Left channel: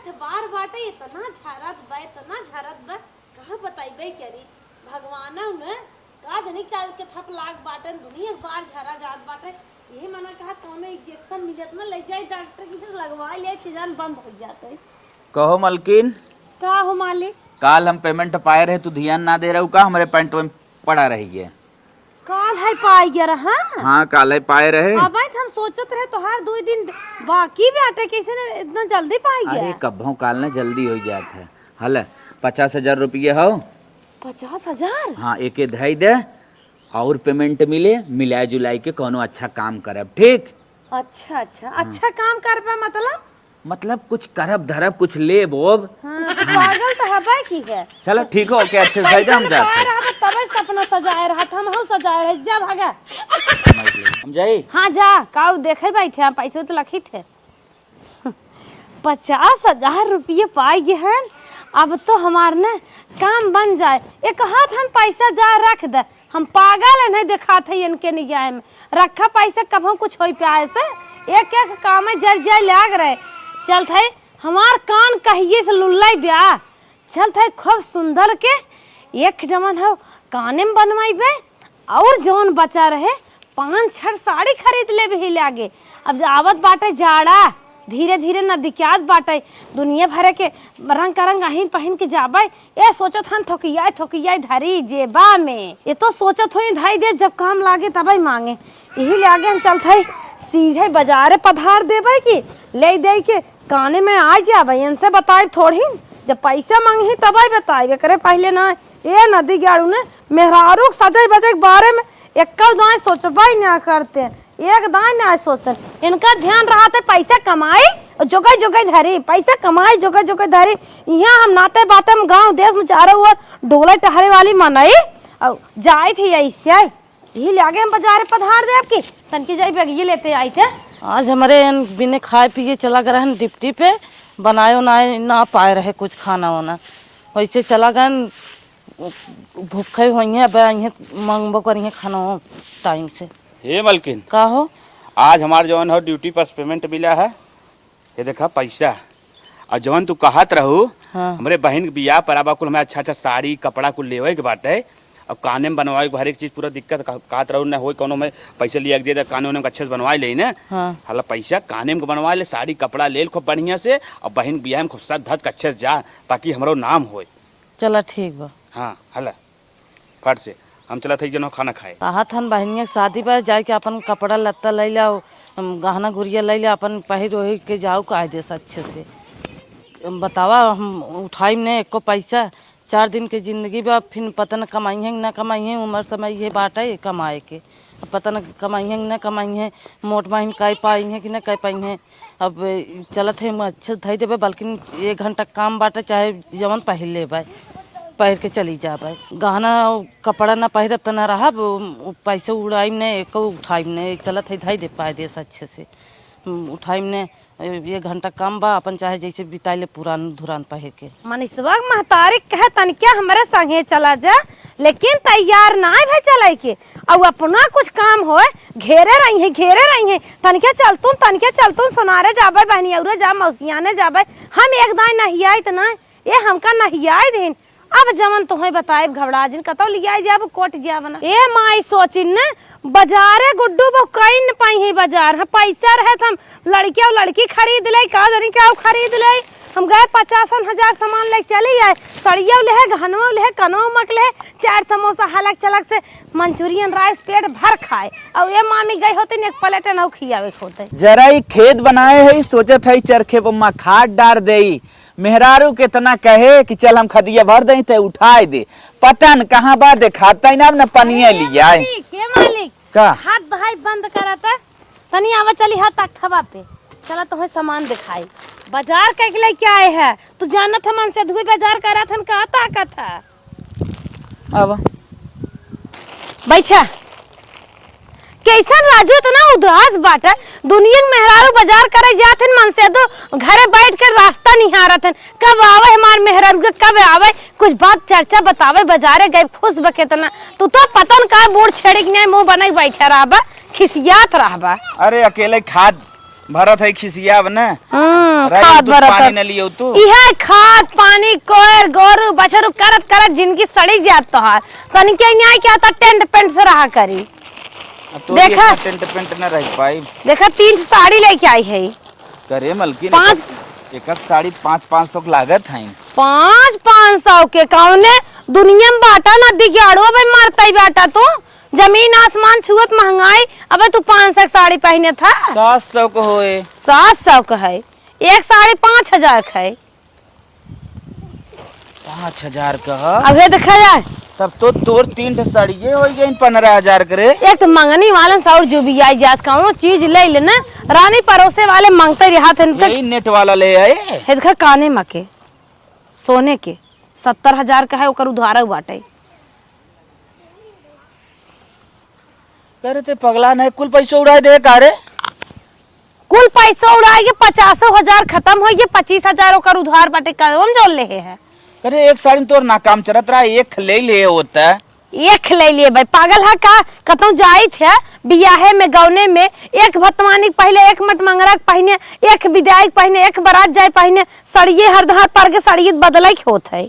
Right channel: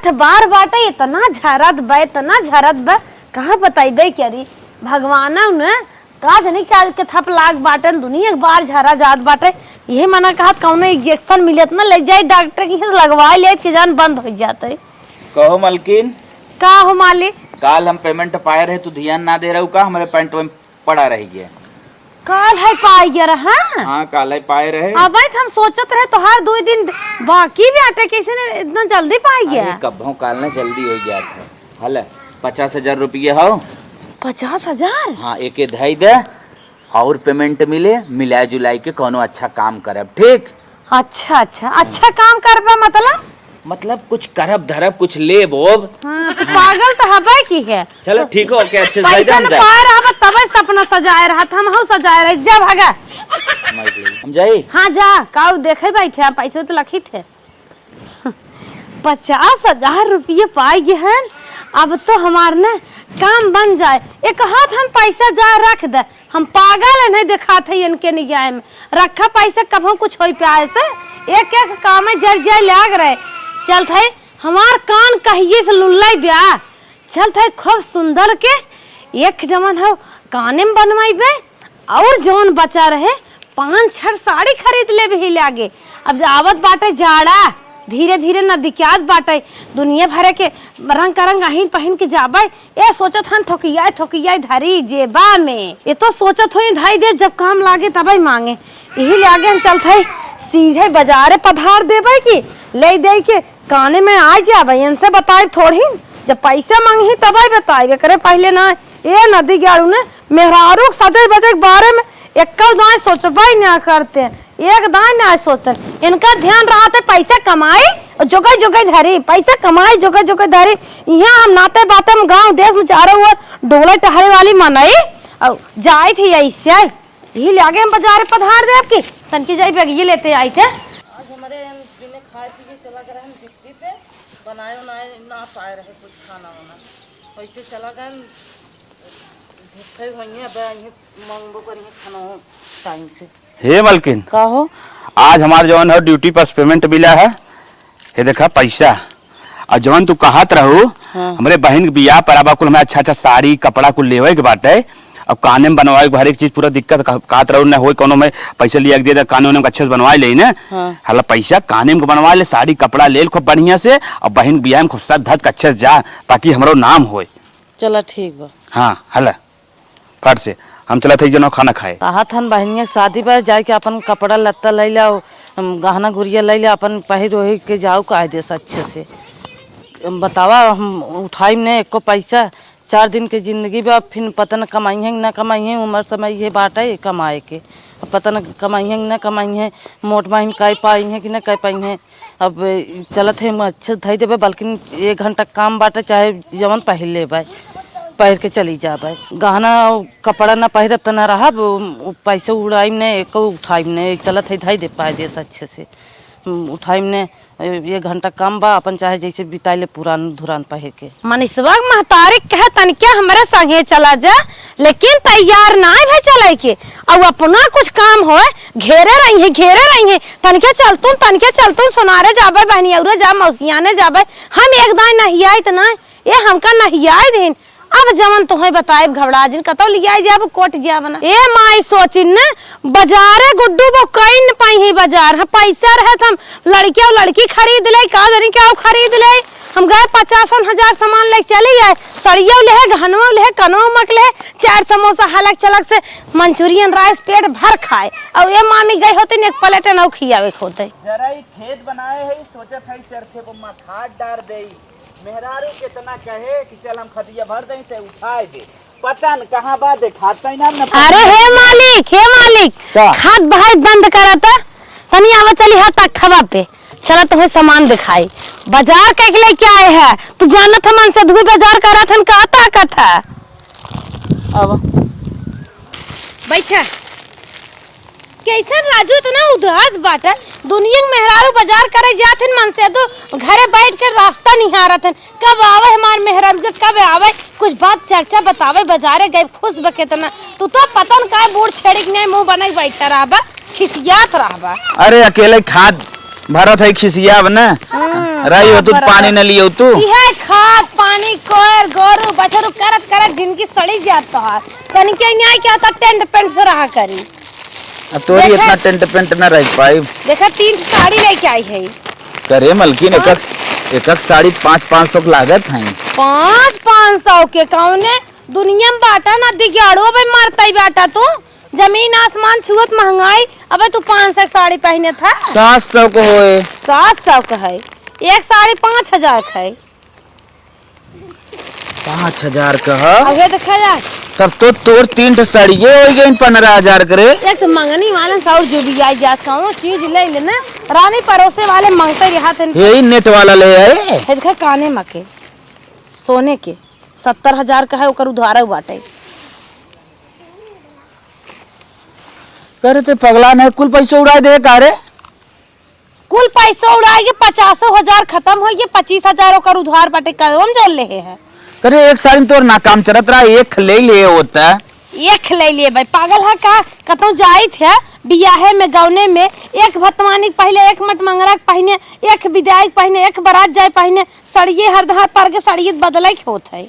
8 बार बाटे इतना झरत बा कहाँ बताइबे करी भगवान ने का जनी के थप लाग बाटन दुनिया बार झरा जात बाटे। यही मना कहा कौनो इंजेक्शन मिलत ना ले जाए डॉक्टर की लगवा ले कि जान बंद हो जाते। कहो मलकिन का हो मालिक? काल हम पेमेंट पाए रहे तू ध्यान ना दे रहे हो का हमारे पैंट में पड़ा रही है। काल है पाई गया रहा। हाँ काल है पाए रहे। अब हम सोचत रहे तो हर 2 दिन बाकी भी आटे कैसे ने इतना जल्दी पाई गया। कब्बों काल ने जल्दी हो गया था। हल 50,000 रुपये हो। 50,000? हाँ एक धाई दे और पेमेंट मिले मिला जुलाई के कोनो अच्छा काम करब ठीक। अच्छा काम करबा मतलब कुछ करब धरब कुछ ले बोब। हाँ, पागल तो हबे की है। चलो ठीक हो क्या अच्छे से जान जा। तबे सपना सजाए रहा हम हो सजाए रहे जा भागा। हम जाई। हाँ जा काऊ देखे बैठे हम पैसे तो लखी थे। 50,000 रुपये पाई गए हैं। अब तो हमार ने काम बन जाए। एक हाथ हम पैसा जा रख दे हम पागल नहीं दिखा थे इनके निगाह में रखा पैसा कभो कुछ हो पाए से एक काम में जर जाए लाग रहे। चल थे हमार कान कहिए से लुल्लाई ब्याह चल थे खूब सुंदर के एक जमन हो काने में बनवाइबे और जौन बचा रहे 5-6 साड़ी खरीद ले भी लागे। अब आवत बाटे जाड़ा धीरे धीरे न दिक्कत बाटे दुनिया भरे के रंग करंग अहिन पहन के जाबे। ए सोचत हन थोकिया धरी जेबा में ये तो सोचत होई धाई दे जब काम लागे तबे मांगे। यही लागे हम चलते सीधे बाजारे पधार देबे की ले दे के काने में आ जाबे इनसे बताए थोड़ी जब पैसा मांगी तबे बताए करे पहले ना। ए नदी गाड़ू ने मेहरारू सजे बजे के बारे में एक दाएं सोचबे ना करते एक दाएं ना सोचते। इनका ध्यान रहा था पैसा कमाई जोगे धरी पैसा कमाई जोगे धरी। यहाँ हम नाते बाते में गांव देश में चारों ओर डोले टहरे वाली मनाई और जाए थी ऐसे यही लागे हम बाजार पधार दे आपकी तनकी जाई पे ये लेते आई थे। आज हमारे बिना खाए पिए चला गए डिप्टी पे बनाए ना पाए रहे कुछ खाना वाना वैसे चला गए भूखे हुई है मंगबो करिए खाना टाइम से। हे मलकिन कहो आज हमारे जवान है ड्यूटी पर पेमेंट मिला है। ये देखा पैसा और जवान तू कहत रहो हमारे बहन के बियाह पर आबा कुल हमें अच्छा साड़ी कपड़ा कुल लेवे के बाटे अब काने में बनवाए हर एक चीज पूरा दिक्कत कहत रहो न हो कोनो में पैसा लिया दे दे कानून में अच्छे से बनवा ले ना। हला पैसा काने में बनवा ले साड़ी कपड़ा ले खूब बढ़िया से और बहन बियाह में खूब साथ धज अच्छे से जा ताकि हमारो नाम हो। चला ठीक बा। हाँ हला फट से हम चला थे जनो खाना खाए कहा था बहनिया शादी पर जाके अपन कपड़ा लत्ता ले ला गहना गुड़िया ले ला अपन पहिर ओहि के जाओ का दे अच्छे से बतावा हम उठाई ने एको पैसा 4 दिन के जिंदगी में अब फिर पता न कमाई है न कमाई है उम्र समय ये बात है कमाए के अब पता न कमाई है न कमाई है मोट माहिन कह पाई है कि न कह पाई है। अब चलत है अच्छे धई देवे बल्कि 1 घंटा काम बाटे चाहे जवन पहिर ले पहिर के चली जाबे गहना कपड़ा न पहिरब तो न रहा पैसे उड़ाई ने एक उठाई ने चलत है धई दे पाए दे अच्छे से उठाई ने 1 घंटा काम बा अपन चाहे जैसे बिताइले पुरान धुरान पहिर के। मनीषवा महतारी कहे तन क्या हमारे संगे चला जा लेकिन तैयार ना है चले के और अपना कुछ काम हो घेरे रही है तन क्या चलतून सोनारे जाबे बहनिया जा मौसियाने जाबे हम एक दाई नहीं आई तो ना ये हमका नहीं आई दिन। अब जवन तुम्हें बताए घबरा जिन कतो लिया जाब कोट जाब ना ए माई सोचिन न बाजारे गुड्डू वो कई न पाई है बाजार है पैसा रहे हम लड़की और लड़की खरीद ले का जनी क्या खरीद ले हम गए 50,000 सामान ले चले आए सरिया ले गहनवा ले कनो मक ले 4 समोसा हलक चलक से मंचूरियन राइस पेट भर खाए और ये मामी गई होते एक प्लेट नौ खियावे होते जरा ही खेत बनाए है सोचत है चरखे पर खाद डार दे मेहरारू कितना कहे कि चल हम खदिया भर दे ते उठाए दे पता न कहाँ बा दिखाता ना न। अरे हे मालिक खाद भाई बंद करता तनी आवा चली हाथ तक खबा पे चला तुम्हें सामान दिखाई बाजार के लिए क्या है तू जानत हमन से धुई बाजार करा थन कहता कथा अब बैठे कैसन राजू तना उदास बाटा दुनिया में मेहरारू बाजार करे जाथिन मन से तो घरे बैठ कर रास्ता निहारत हन कब आवे हमार मेहरारू कब आवे कुछ बात चर्चा बतावे बाजारे गए खुश बके तना तू तो पतन का बोर्ड छेड़िक ने मुंह बनाई बैठा रहबा खिसियात रहबा। अरे अकेले खाद भरत है खिसिया अब ना हाँ, राई हो तू भरत पानी है। न लियो तू इहे खाद पानी कोर गोरु बछरू करत करत जिंदगी सड़ी जात तोहार तनी के न्याय के आता टेंट पेंट से रहा करी। अब तोरी देखा- इतना टेंट पेंट न रह पाई देखा 3 साड़ी लेके आई है। करे मलकिन एक साड़ी 500-500 की लागत है 500 के कौने दुनिया में बाटा नदी के अड़ुआ पे मारता ही बाटा तू जमीन आसमान छुएत महंगाई। अबे तू 500 साड़ी पहने था 700 को होए 700 का है एक साड़ी 5000 का है। 5000 का है अबे देखा जाए तब तो तोर 3 साड़ी ये हो गई 15,000 करे एक तो मंगनी वाले सौ जुबी आई जा कौनो चीज ले लेना रानी परोसे वाले मांगते रहा थे यही नेट वाला ले आए देखा काने मके सोने के 70,000 का है ओकर उधारा बाटे। करे ते पगला ने कुल पैसा उड़ाए दे कारे कुल पैसा उड़ाएंगे 50,000 खत्म हो गए 25,000 ओकर उधार बाटे कौन जोड़ ले है। करे एक साड़ी में तोर नाकाम चलत रहा एक ले होता एक ले लिए भाई पागल है का कतौ जाई थे बियाहे में गौने में एक भतवानी पहले एक मट मंगरा पहने एक विदाई पहने एक बारात जाए पहने सड़िए हरदहा तर के सड़िए बदले के होत है।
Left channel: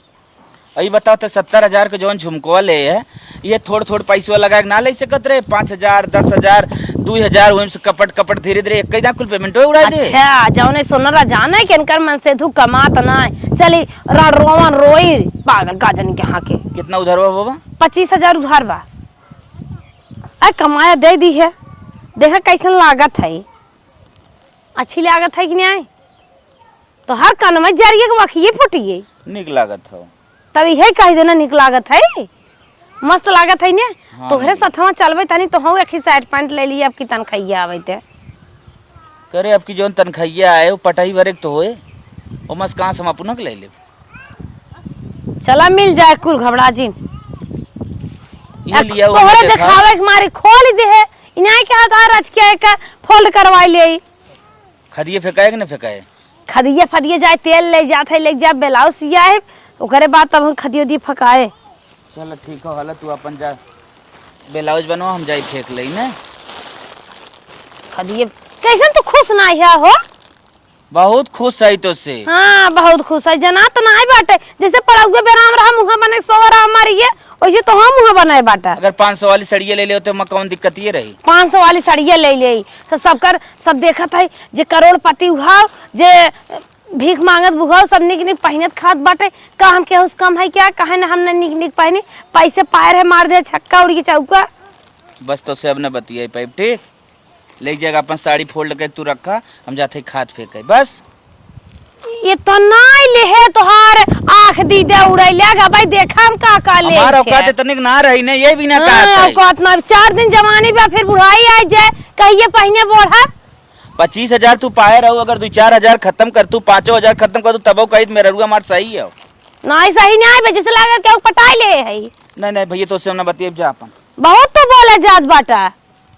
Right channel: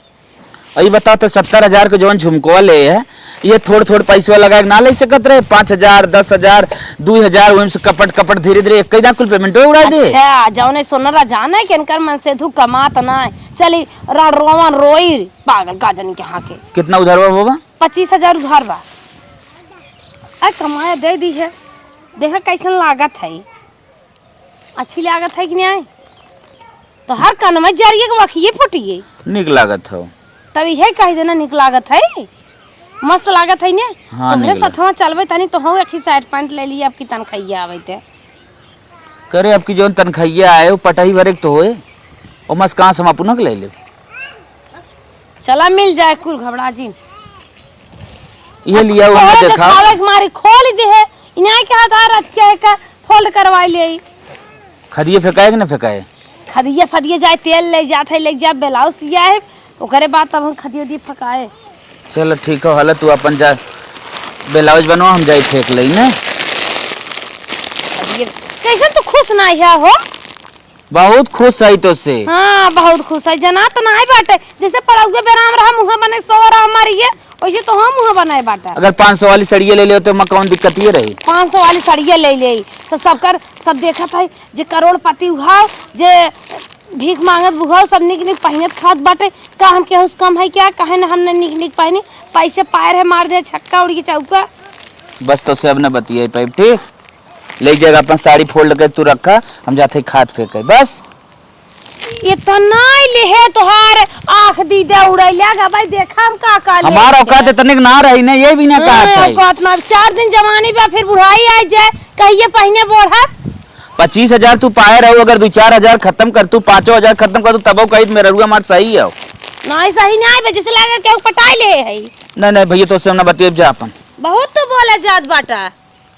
अई बताओ तो 70,000 के जौन झुमको ले है ये थोड़ पैसा लगा के ना ले सकत रहे 5,000 10,000 2,000 वही से कपट धीरे धीरे एक कुल पेमेंट उड़ा दे। अच्छा जौने सोनरा जाने के इनकर मन से धू कमात ना चली रोवन रोई पागल गाजन के हाके कितना उधार होगा 25,000 उधार बा। अरे कमाया दे दी है देखा कैसन लागत है अच्छी लागत है कि नहीं तो हर कान में जरिए के वखिए फुटिए निक लागत हो तब यह कह देना निक लागत है मस्त लागत है ने हाँ, तोहरे निक साथवा चलबे तनी तो हम एक ही साइड पैंट ले लिए अब की तनखैया आवेते करे अब की जौन तनखैया आए वो पटाई भरे तो होए ओ मस कहां से हम अपना के ले ले चला मिल जाए कुल घबरा जी ये लिया वो हमने देखा खावे के मारी खोल दे है इनाई के हाथ रच के का फोल्ड करवा ले खदिए फेंकाए कि ना फेंकाए खदिए फदिए जाए तेल ले जात है ले जा ब्लाउज सिया है ओकरे बाद तब हम खदिए दिए फकाए। चलो ठीक है हालत तू अपन जा ब्लाउज बनवा हम जाई फेंक लई ने खदिए कैसन तो खुश नहीं है हो बहुत खुश है तो से हाँ बहुत खुश है जना तो नहीं बाटे जैसे पड़ौगे बेराम रहा मुंह बने सो रहा हमारी वैसे तो हम मुंह बनाए बाटा। अगर 500 वाली सड़िए ले ले तो मैं कौन दिक्कत ये रही 500 वाली सड़िए ले ले तो सब देखत है जे करोड़पति हुआ जे भीख मांगत बुघाओ सब निक निक पहनत खात बाटे का हम के उस कम है क्या कहे ना हमने निक निक पहनी पैसे पाए है मार दे छक्का उड़ के चौका बस तो से अब न बतिए पाइप ठीक ले जाएगा अपन साड़ी फोल्ड कर तू रखा हम जाते खाद फेंके बस इतना ले है तोहार आंख दीदे उड़ैलेगा भाई देखा हम का ले हमारा औकात इतने ना रही ने ये भी ना कहा था औकात ना 4 दिन जवानी बा फिर बुढ़ाई आ जाए कहिए पहने बोढ़ा 25,000 तू पाए रहो अगर 2-4,000 खत्म कर तू 5,000 खत्म कर तू तब कही मेरा रुआ मार सही है नहीं सही नहीं भाई जैसे लगा के पटाई ले है नहीं भैया तो से ना बतिए जा अपन बहुत तो बोले जात बाटा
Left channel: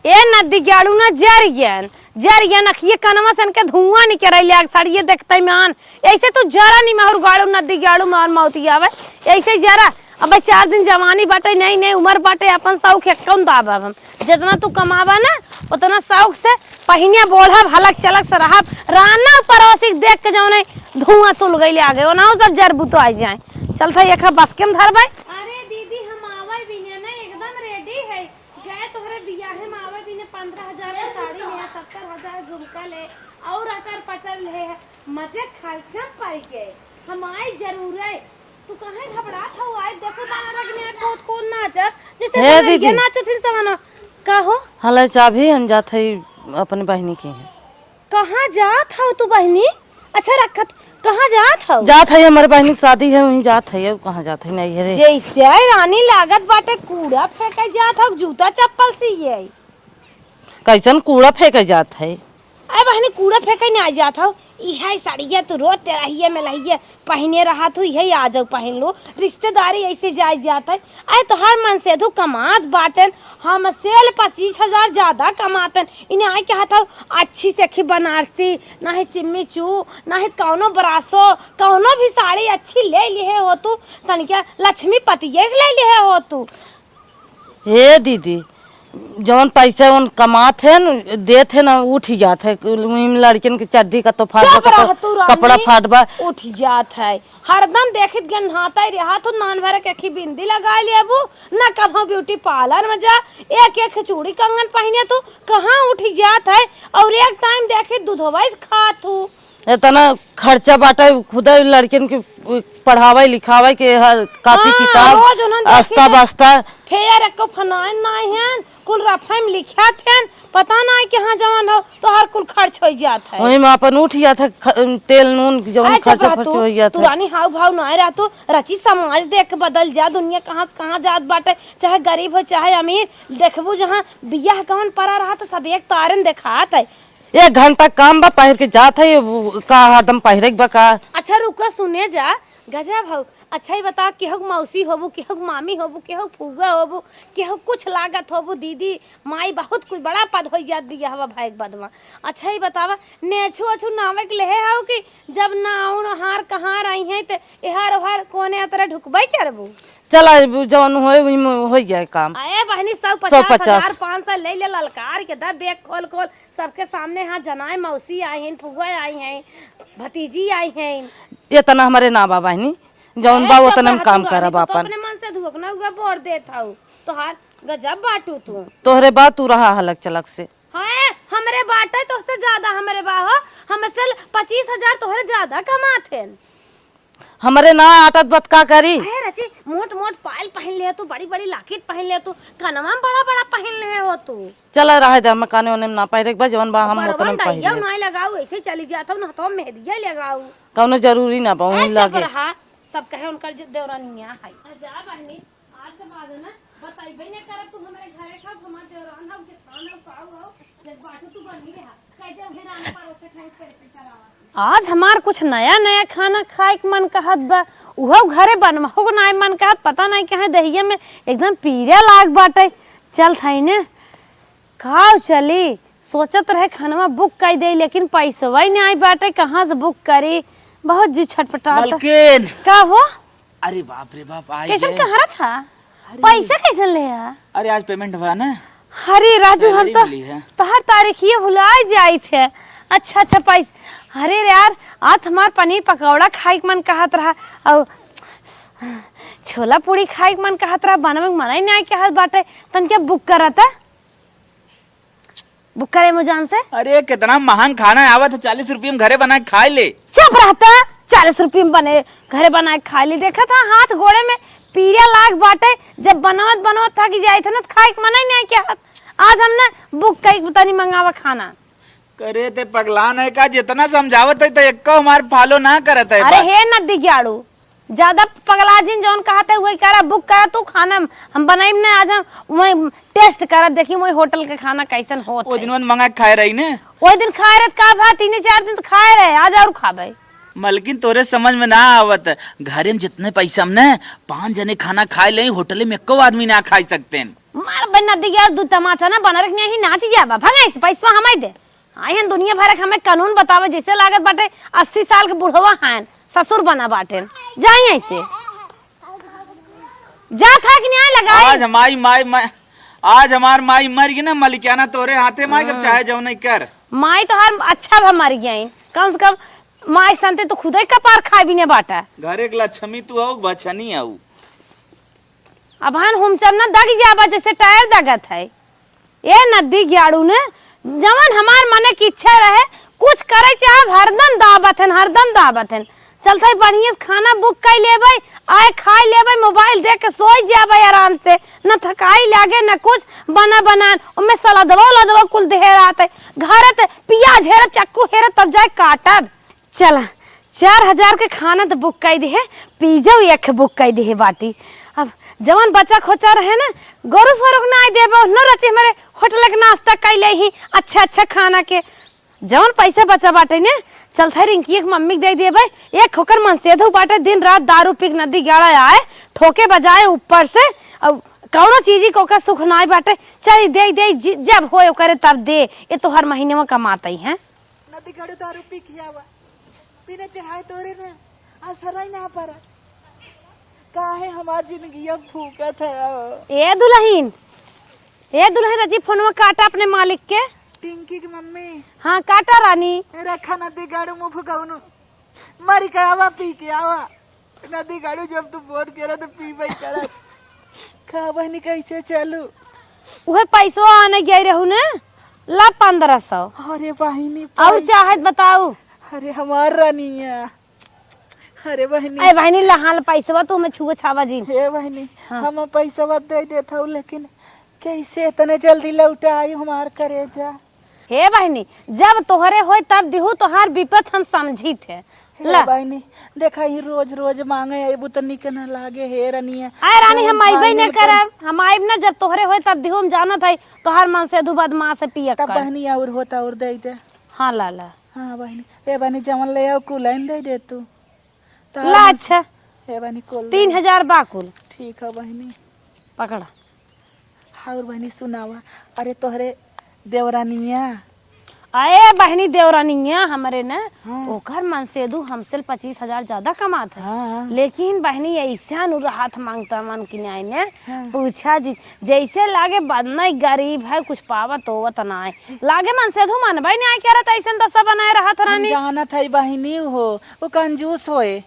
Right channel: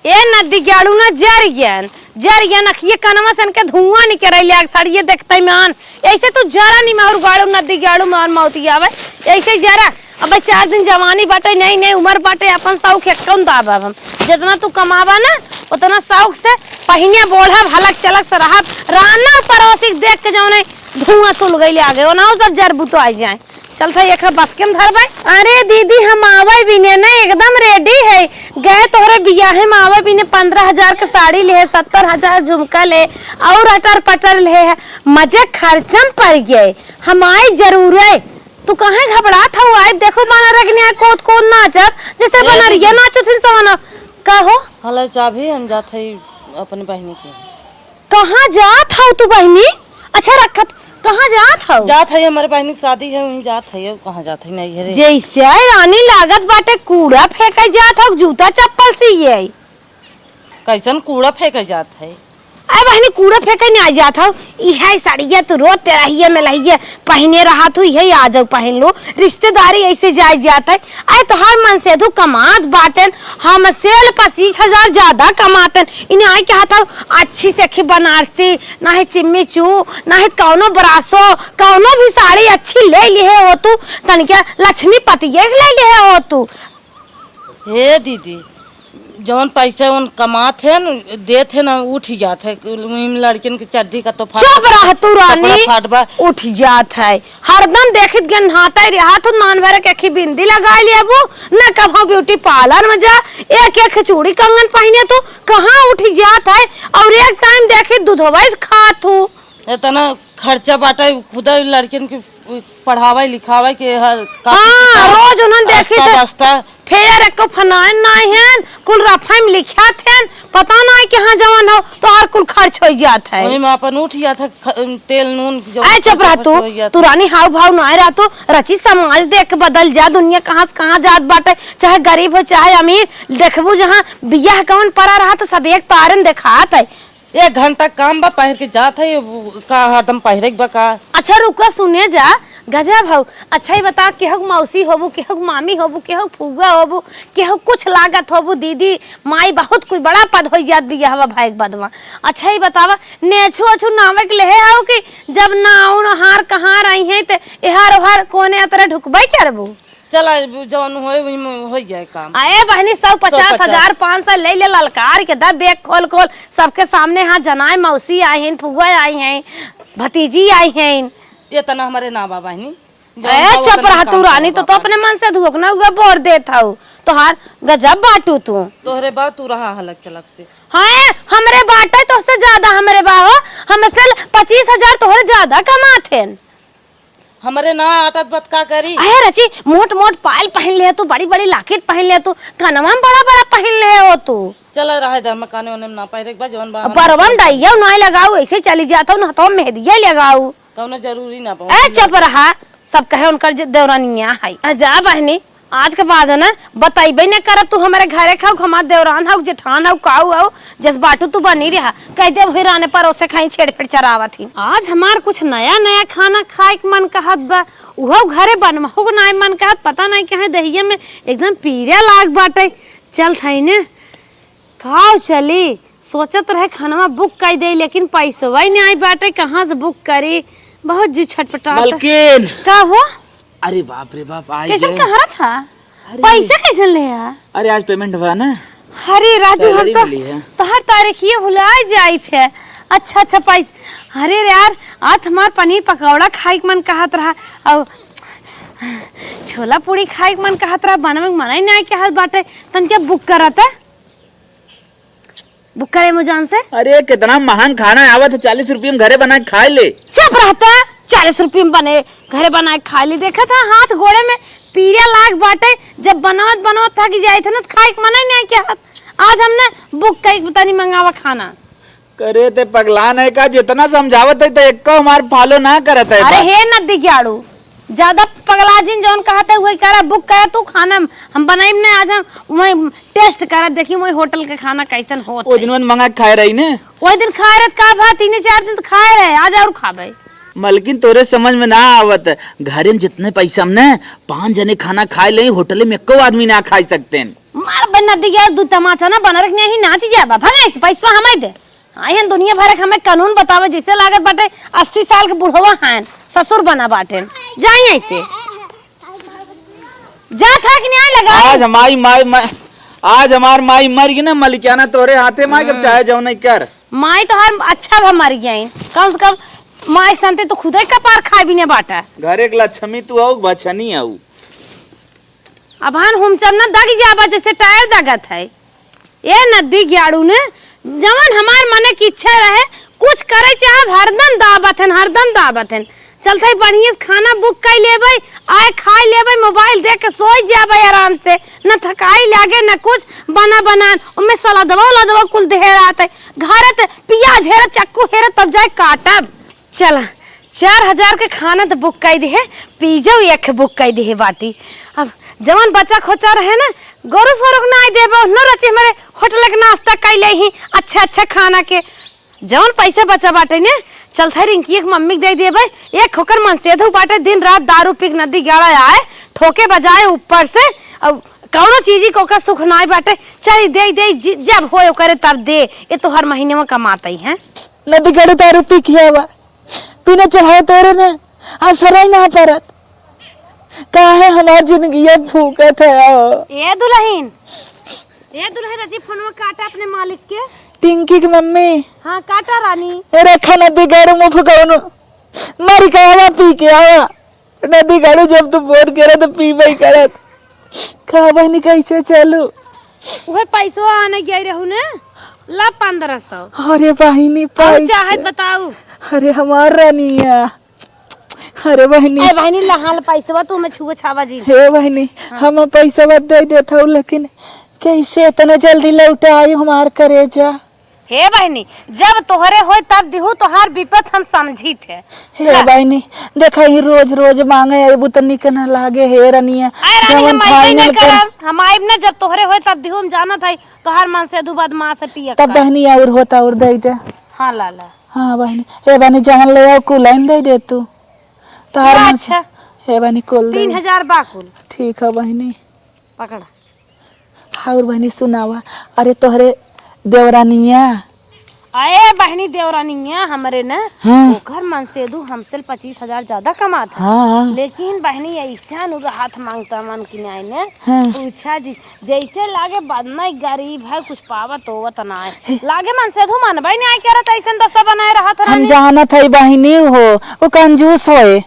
ए नदी गाड़ू ना जर ज्ञान अखिए कनमा सन के धुआं निकल सड़िए देखते मान ऐसे तो जरा नहीं मार गाड़ू नदी गाड़ू मार मौती आवे ऐसे जरा अब 4 दिन जवानी बाटे नहीं उम्र बाटे अपन शौक कौन दाब हम जितना तू कमावा ना उतना शौक से पहिने बोढ़ा हलक चलक से रहा राना पड़ोसी देख के जाओ धुआं सुल गई आगे वो ना सब जरबू तो आ जाए चलता एक बस के धरबे। अरे दीदी हम आवे भी ने एकदम रेडी है गए तोहरे बियाहे में आवे भी ने 15,000 का साड़ी ले 70,000 झुमका ले और अटर पटर ले है मजे खर्चम पड़ गए हम आए जरूर है तू कहाँ घबरा था आए देखो बना रखने कोत नाचत जैसे बना ये नाचत सवाना का हो हला चाबी हम जात है अपने बहनी के कहाँ जात हो तू बहनी अच्छा रखत कहाँ जात हो जात है हमारे बहनी की शादी है वहीं जात है कहाँ जात है नहीं है जैसे रानी लागत बाटे कूड़ा फेंका जात हो जूता चप्पल से ये कैसन कूड़ा फेंका जात है अरे बहनी कूड़ा फेंके नहीं आ जात हो यह साड़िया तू रोज तेरा में लहिए पहने रहा तू यही आ जाओ पहन लो रिश्तेदारी ऐसे जाए जाता है अरे तो हर मन से तू कमात बाटन हम सेल 25,000 ज्यादा कमातन इन्हें आए क्या था अच्छी से बनारसी ना है चिम्मी चू ना है कौनो बरासो कौनो भी साड़ी अच्छी ले लिए हो तू तन क्या लक्ष्मी पति ले लिए हो तू हे दीदी जवन पैसा उन कमात है न देत है ना उठ जात है लड़किन की चड्डी का तो चुप रह तू कपड़ा रानी फाटबा उठ जात है हरदम देखत गन नहाता रहा तो नान भर के अखी बिंदी लगा लेबू ना कहो ब्यूटी पार्लर में जा एक एक चूड़ी कंगन पहने तो कहाँ उठ जात है और एक टाइम देखे दूधवा खात हूँ इतना खर्चा बाटा खुदा लड़किन के पढ़ावे लिखावे के हर काफी किताब रोज उन्हन देखी आस्ता बस्ता फेर एको फनाइन नहीं है कुल रफा में लिखा थे पता नहीं कहाँ जवान हो तो हर कुल खर्च हो जात है वही में अपन उठ जात है तेल नून जो ऐ चुप रह तू रानी हाव भाव ना रहा तू रची समाज देख के बदल जा दुनिया कहाँ से कहाँ जात बाटे चाहे गरीब हो चाहे अमीर देखबू जहाँ बियाह कौन पड़ा रहा तो सब एक तारन दिखात है 1 घंटा काम बा पहर के जात है का हरदम पहरे के बा का अच्छा रुका सुने जा गजब हो अच्छा ही बता केहू मौसी होबू केहू मामी होबू केहू फुआ होबू केहू कुछ लागत होबू दीदी माई बहुत कुछ बड़ा पद हो जात बियाहवा भाई बदवा अच्छा ही बतावा नेछू अछू नावे के लेहे हो कि जब नाउन हार कहाँ रही है ते एहार ओहार कोने अतरे ढुकबै करबू चला जवन हो जाए काम आए बहनी 150,000 500 ले ले ललकार के दा बैग खोल खोल सबके सामने हाँ जनाए मौसी आई हैं फुआ आई हैं भतीजी आई हैं इतना हमारे ना बाबा है चुप रहा तू रानी तो अपने मन से धोखना हुआ बोर देता हूँ तो हार गजब बाटू तू तोहरे बात तू रहा हलक चलक से हाँ हमरे बाटे तो उससे ज्यादा हमरे बाहो हमसे 25,000 तोहरे ज्यादा कमाते हमारे ना आदत बत का करी अरे रची मोट मोट पायल पहन ले तू बड़ी बड़ी लाकेट पहन ले तू कनवा में बड़ा बड़ा पहन ले हो तू चला रहा है मकाने होने में ना पहरे के जवन बा बरवन दैया ना लगाऊ ऐसे चली जाता हूँ ना तो मेहदिया लगाऊ कौनो जरूरी ना बा ए चुप रहा सब कहे उनकर देवरानिया है जा बहनी आज के बाद है ना बताइबे न करब तू हमारे घरे खाऊ हमार देवरान हो जेठान हो काऊ हो जस बाटू तू बनी रहा कह दे वही राने पर उसे खाई छेड़ चरावा थी आज हमार कुछ नया नया खाना खाए के मन कहत बा उहो घरे बनमहु ना मन कहत पता नहीं कहे दहिया में एकदम पीरा लाग बाटे चल थाई ने खाओ चली सोचत रहे खाना बुक कर दे लेकिन पैसा ही नहीं आई बाटे कहाँ से बुक करी बहुत जी छटपटा मलकिन का हो अरे बाप रे बाप आ कैसे गए कहा था पैसा कैसे ले आ अरे आज पेमेंट हुआ ना अरे राजू हम सैलरी तो मिली है। हर तारीख ये भुला जाई थे अच्छा अच्छा पैसा अरे यार आज हमार पनीर पकौड़ा खाए के मन कहत रहा और छोला पूरी खाए के मन कहत रहा बनवे के मन ही नहीं कहत बाटे तन क्या बुक करता बुक करे मुझान से अरे कितना महान खाना है आवत 40 रुपये में घरे बना के खा ले चुप रहता 40 रुपये में बने घरे बना के खा ली देखा था हाथ घोड़े में पीरा लाग बाटे जब बनावत थक जाए थे ना खाए के मन ही नहीं क्या आज हमने बुक कई पता नहीं मंगावा खाना करे ते पगलान है का जितना समझावत है तो एक को हमार फॉलो ना करत है अरे हे नदी ग्याड़ू ज्यादा पगला जिन जौन कहते हुए करा बुक करा तू खाना हम बनाई ने आज हम वही टेस्ट करा देखी वही होटल के खाना कैसन होत ओ दिन मंगा के खाए रही ने वही दिन खाए रहे का भात 3-4 दिन तो खाए रहे आज और खाबे मलकिन तोरे समझ में ना आवत घरे में जितने पैसा हमने 5 जने खाना खाए ले होटल में एको आदमी ना खा सकते हैं मार बन नदी ग्याड़ दू तमाचा ना बना रखने ही नाची जाबा भगाई से पैसा हमें दे आई हन दुनिया भर हमें कानून बतावे जैसे लागत बाटे 80 साल के बुढ़वा हैं ससुर बना बाटे जाई ऐसे जा था कि नहीं लगाई आज हमारी माई आज हमार माई मर गई ना मलिकाना तोरे हाथे माई कब चाहे जाओ नहीं कर माई तो हर अच्छा भा मर गई कम से कम माई संते तो खुद ही कपार खा भी ने बाटा घरे के लक्ष्मी तू आओ बचनी आऊ अब हन हम चलना दग जाबा जैसे टायर दगत है ये नदी ग्याड़ू ने जवन हमार मने की इच्छा रहे कुछ करे चाहे हरदम दावत है चलते बढ़िया खाना बुक कर लेबै आए खाई लेबै मोबाइल देख के सो जाबै आराम से न थकाई लागे न कुछ बना उनमें सलादवा कुल ढेर आते घर प्याज हेर चक्कू हेर तब जाए काटब चला 4,000 के खाना तो बुक कर दे पिज्जा एक बुक कर दे बाटी अब जवन बच्चा खोचा रहे ना गोरु सोरुक ना देबो न रची हमारे होटल के नाश्ता कर ले ही अच्छा खाना के जवन पैसे बचा बाटे ने चलते रिंकी एक मम्मी दे दिए भाई एक खोकर मन से धो बाटे दिन रात दारू पी नदी गाड़ा आए ठोके बजाए ऊपर से अब कौनो चीज को का सुख ना बाटे चल दे जब हो करे तब दे ये तो हर महीने में कमाता ही है नदी गड़े दारू पी किया हुआ पीने चढ़ाए तोरे ने असर ना परत काहे हमार जिंदगी भूखत है ये दुल्हन ए दुल्हन रजी फोनवा काटा अपने मालिक के। टिंकी की मम्मी हाँ काटा रानी। रखा नदी गाड़ू मुँह फुकाउनु मरी का आवा पी के आवा नदी गाड़ू जब तू बोर करे तो पी भाई करत का बहनी कैसे चलू वह पैसो आने गए रहू ने ला 1500। अरे बहनी और चाहे बताऊ। अरे हमार रानिया अरे बहनी ए बहनी लहाल पैसवा तू में छुआ छावा जी। हे बहनी हम पैसा दे देता हूँ लेकिन कैसे इतना जल्दी लौटा आई हमार करेजा। हे बहनी जब तोहरे होय तब दिहू तोहार विपत हम समझी थे। हे बहनी देखा ही रोज रोज मांगे अबू तो निक न लागे हे रनिया हम आइबे न करब हम आइब न जब तोहरे होय तब दिहू हम जानत है तोहार मन से दू बाद मां से पिया तब बहनी और होता और दे दे। हां लाला हां बहनी हे बहनी जवन ले आओ कुलाइन दे दे तू तार अच्छा हे बहनी कुल 3000 बाकुल ठीक है बहनी पकड़ा। और बहनी सुनावा अरे तोहरे देवरानिया आए बहनी देवरानिया हमरे न हाँ। ओकर मन से दू हमसे 25,000 ज्यादा कमाता। हाँ। लेकिन बहनी ऐसा नु हाथ मांगता मन की न्याय ने हाँ। पूछा जी जैसे लागे बदना गरीब है कुछ पावत होवत ना है लागे मन से दू मन भाई न्याय करत ऐसा दशा बनाए रहा था। हम जानत है बहनी हो वो कंजूस होए।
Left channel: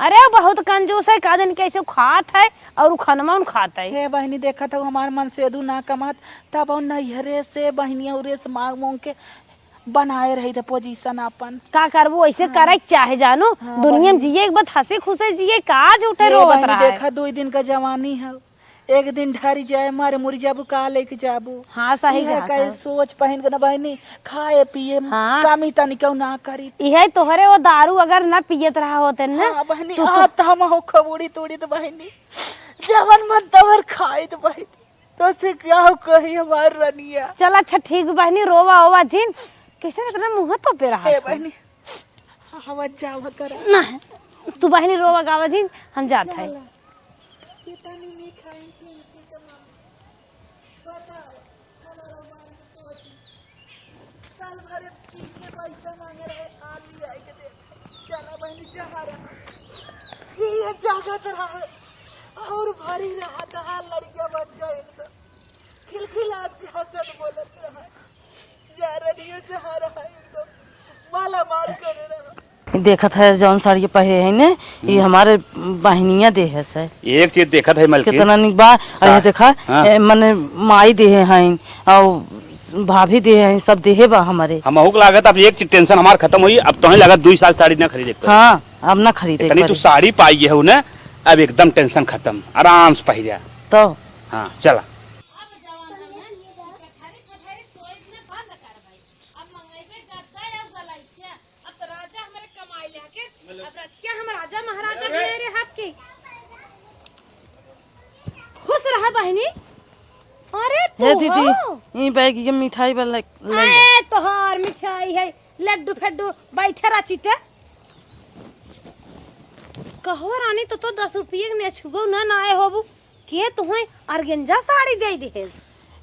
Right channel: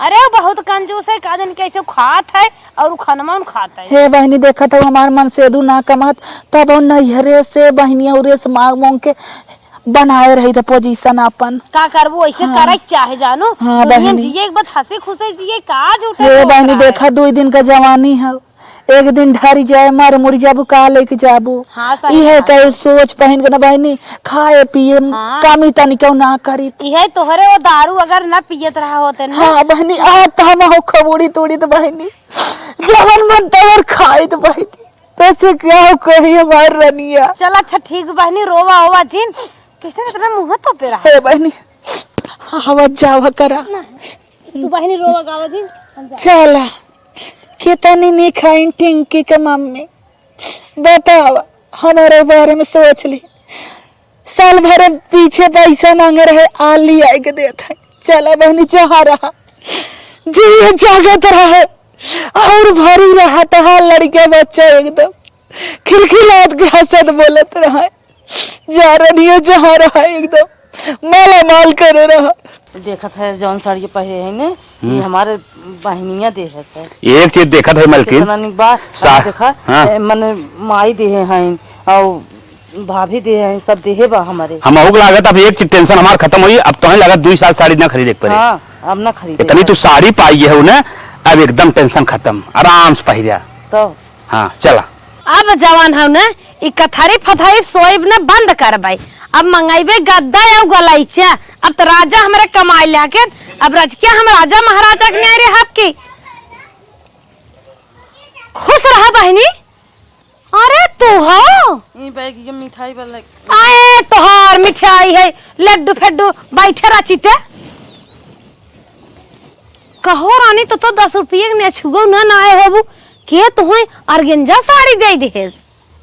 अरे वो बहुत कंजूस है का दिन कैसे खात है और खनमा खाता है। हे बहनी देखा था हमार मन से दू ना कमात तब नैहरे से बहनिया उरे से मांग मांग के बनाए रही था पोजीशन अपन का करबो ऐसे हाँ। करे चाहे जानो हाँ, दुनिया बहनी। जिए एक बात हंसे खुशे जिए का झूठे हे बहनी देखा 2 दिन का जवानी है एक दिन ढरी जाए मर मुर जाबू का लेके जाबू। हाँ, सही इहे बात कहे सोच पहन के ना बहनी खाए पिए हाँ। कामी तनी क्यों ना करी। इहे तोहरे वो दारू अगर न पियत रहा होते ना हाँ बहनी आज तो हम हो खबूड़ी तोड़ी तो बहनी जवन मन तवर खाई तो बहनी कैसे क्या हो कही हमार रनिया। चल अच्छा ठीक बहनी रोवा होवा जिन कैसे इतना मुंह तो पे रहा हे बहनी हवा जावा करा ना तू बहनी रोवा गावा जिन हम जा चला कितनी नहीं खाई टिंकी के मम्मी बतावा हमारे बारे में सोच ली साल भर पीछे पैसा मांगे रहे आली आई के देता चला बहनी चाह रहा जी जागत रहा और भरी रहा तो हाँ लड़के बच्चा एकदम खिलखिलाट के हंसत बोलत रहा जा रही है जहाँ रहा एकदम माला माल करे रहा। देखा था जौन साड़ी पहने है ने ये हमारे बहनिया दे है से एक चीज देखा था मलकिन कितना निक बा अरे देखा मने माई दे है और भाभी दे है सब देहे बा हमारे हम होग लागत अब एक चीज टेंशन हमार खत्म हुई अब तो नहीं लागत 2 साल साड़ी ना खरीदे पड़े। हां अब ना खरीदे इतनी तू साड़ी पाई है उन्हें अब एकदम टेंशन खत्म आराम से पहिरा तो हाँ चला। अब जवान है ना ई कथारी फथारी सोइब ने बंद कर भाई अब मंगाइबे गद्दा या गलाइचा अब तो राजा हमारे कमाई लाके अब रजकिया हम राजा महाराजा के न्यारे हक की खुश रहा बहनी। अरे तू हो ये बैग ये मिठाई वाला आए तोहार मिठाई है लड्डू फेड्डू बैठे रचिते कहो रानी तो 10 रुपये ने छुगो ना आए होबू के तुहे अर्गेंजा साड़ी दे दे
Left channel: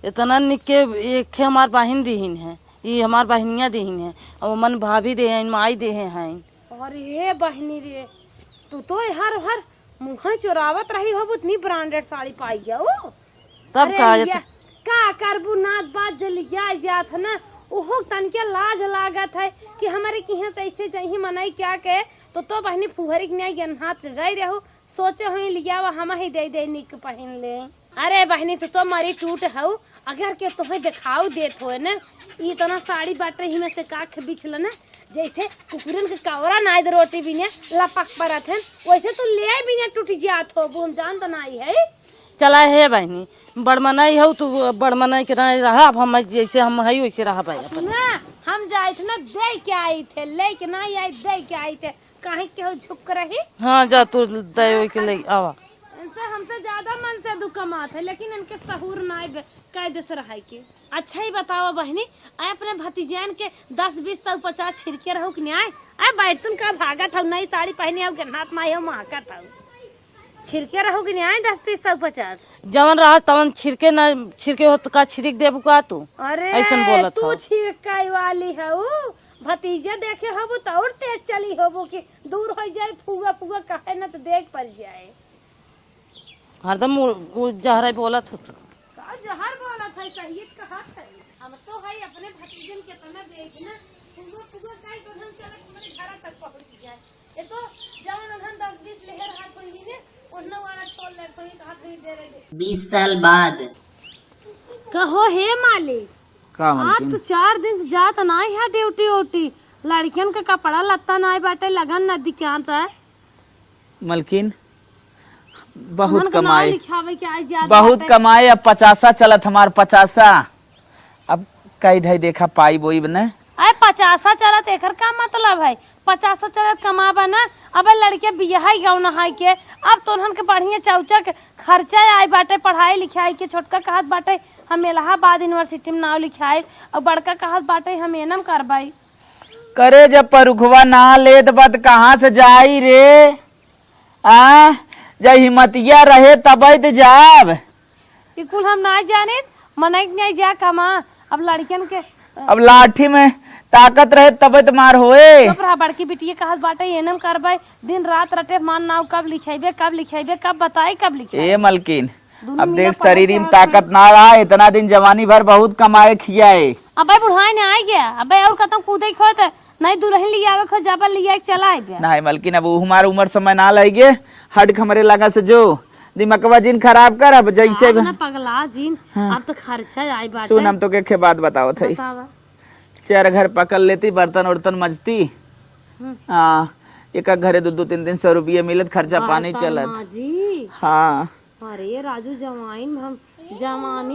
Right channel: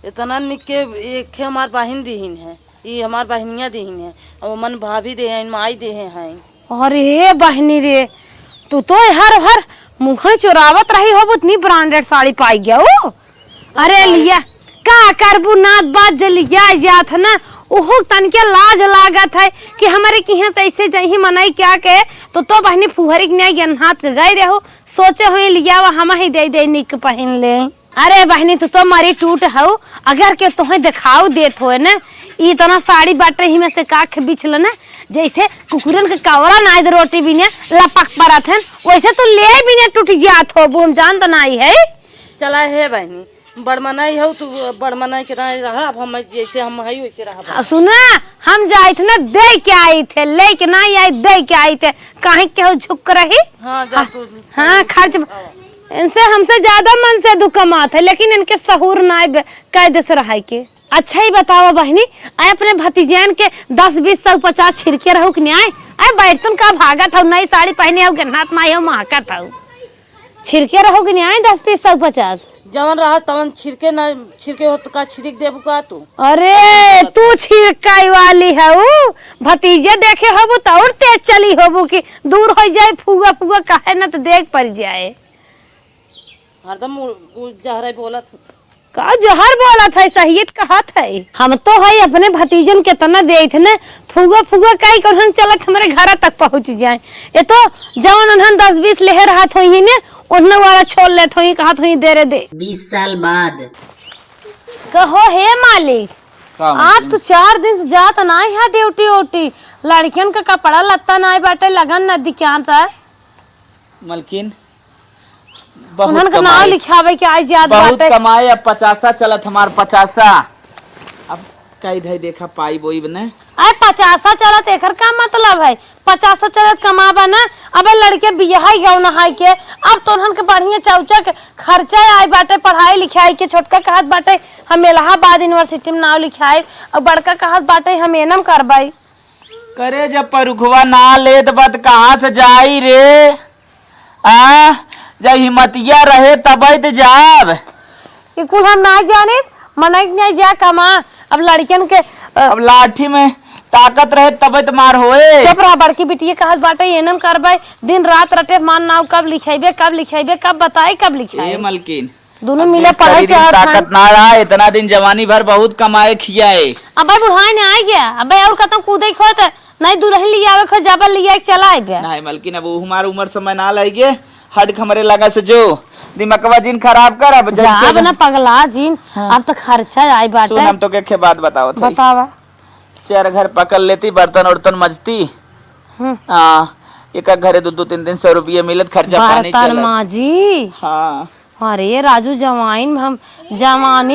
इतना निके एक है हमार बहन दीहिन है ये हमार बहनिया दीहिन है और मन भाभी दे हैं माई दे हैं। अरे बहनी रे तू तो हर हर मुंह चोरावत रही हो इतनी ब्रांडेड साड़ी पाई गया ओ अरे लिया का करबू नात बात जलिया जात ना ओहो तन के लाज लागत है कि हमारे की यहाँ कैसे जही मनाई क्या के तो बहनी फुहरी के न्याय हाथ गए रहो सोचे हुए लिया वो हम ही दे निक पहन ले। अरे बहनी तू तो मारी टूट हो अगर के तुम्हें दिखाओ देत हो ना इतना साड़ी बाटे ही में से काख बिछल ना जैसे कुकुरन के कवरा नाइद रोटी भी ने लपक परत है वैसे तो ले भी ने टूट जात हो बोम जान तो नहीं है। चला है बहनी बड़मनाई हो तू बड़मनाई के रहा अब हम जैसे हम है वैसे रहा। सुना हम जाए थे ना दे के आई थे ले के नहीं आई दे के आई थे काहे के झुक रही। हाँ जा तू हाँ खर्च इनसे हमसे ज्यादा मन से दुख कमात है लेकिन इनके सहूर ना कायदे से रहा के। अच्छा ही बताओ बहनी आए अपने भतीजान के 10 20 100 50 छिड़के रहो कि न्याय आए बैठतन का भागत हो नई साड़ी पहने हो गन्नात माई हो महकत हो छिड़के रहो कि न्याय 10 30 100 50 जवन रहा तवन छिड़के ना छिड़के हो तो का छिड़क देबू का तू। अरे तू छिड़काई वाली है भतीजे देखे होबू तो और तेज चली होबू कि दूर हो जाए फुगा फुगा कहे ना तो देख पड़ जाए हरदम जहरा बोलत का जहर बोला था सही कहा था। हम तो है अपने भतीजन के तना दे थे न फुगा फुगा कई कर चलत हमारे घर तक पहुंच जाए। ये तो जवन उन्हन 10-20 लेहर हाथ होई ने उन्हन वाला छोड़ ले थोई कहा थोई दे रे दे। 20 साल बाद कहो हे मालिक आप तो 4 दिन से जात ना है ड्यूटी ओटी लड़कियन का कपड़ा लत्ता ना बाटे लगन न दिखाता मलकिन उन्हन बहुत का नाम कमाए लिखावे के आज याद बहुत बाटे। कमाए। अब 50 चलत हमार 50 अब कई धई देखा पाई बोई बने अरे 50 चलत एकर का मतलब है 50 चलत कमाबा ना। अब लड़के बियाह गौ नहाई के अब तो उन्हन के बढ़िया चौचा के खर्चा आई बाटे पढ़ाई लिखाई के। छोटका कहत बाटे हम इलाहाबाद यूनिवर्सिटी में नाम लिखाई और बड़का कहत बाटे हम एनम करबाई। करे जब परुखवा ना लेत बत कहाँ से जाई रे आ जब हिम्मतिया रहे तब तो जाब। कुल हम ना जाने मनई नहीं जा कमा। अब लड़कियन के अब लाठी में ताकत रहे तब तो मार होए। चुप रहा बड़की बिटिया कहत बाटे एनम करबाई दिन रात रटे मान नाव कब लिखेबे कब बताए कब लिखाए। ए मलकिन दोनों अब मिले देख पढ़े शरीर में चाहत ताकत हैं। ना रहा इतना दिन जवानी भर बहुत कमाए खियाए। अब बुढ़ाई ने आ गया अब और खत्म कूदे खोत नहीं दुल्हन लिया आवे खो जाबल लिया चला बे। नहीं मलकिन अब हमार उम्र समय ना लगे हट हमारे लगा से जो दिमागवा जिन खराब कर। अब जाब ना पगला जीन अब तो खर्चा आई बाटे। सुन हम तो के बात बताओ थे बतावा 4 घर पकड़ लेती बर्तन उर्तन मजती हाँ एक घरे 2-3 दिन 100 रुपये मिलत खर्चा पानी बर्तन चलत। माजी हाँ अरे राजू जवानी